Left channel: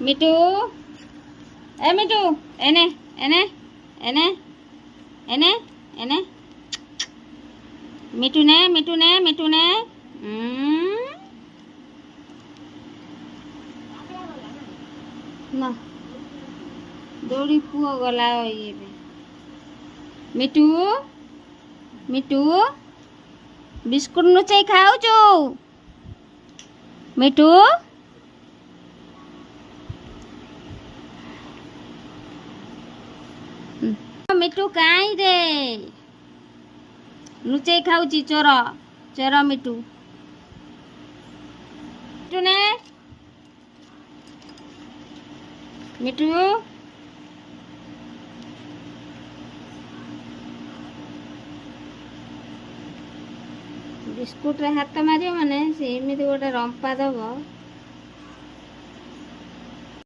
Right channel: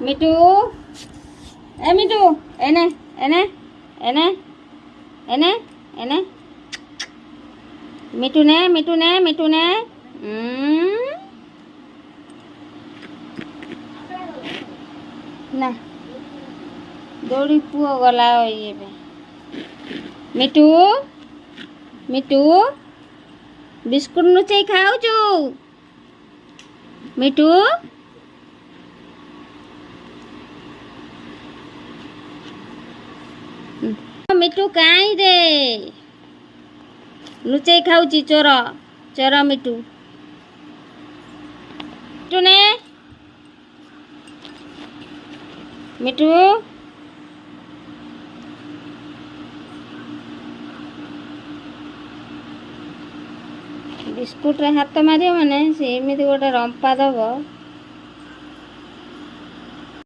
ମିଟୁ ଏ ମିଟୁ ଏନେ ଏନେ ଏନେ ଏନେ ଏନେ ମିଟୁ ନେ ନା ଦୌଡ଼ି ପୁଅ ଗଲା ଏବେ ମିଟୁ ମିଟୁ ବିସ୍କୁଟ ଲୁଚେଇ ଖାଉଛୁ ମିଟୁ ମିଟୁ କାଇଁ ରେ ଲୁଚେଇ ଖାଉଛି ଚୋର ଚୋର ମିଟୁ ମିଟୁ ନେ ମିଟୁ ବିସ୍କୁଟରେ ହାତ ମାରିବ ମାନେ ସେ ଏମିତି ଗୋଟେ ରମ୍ପା ଦବ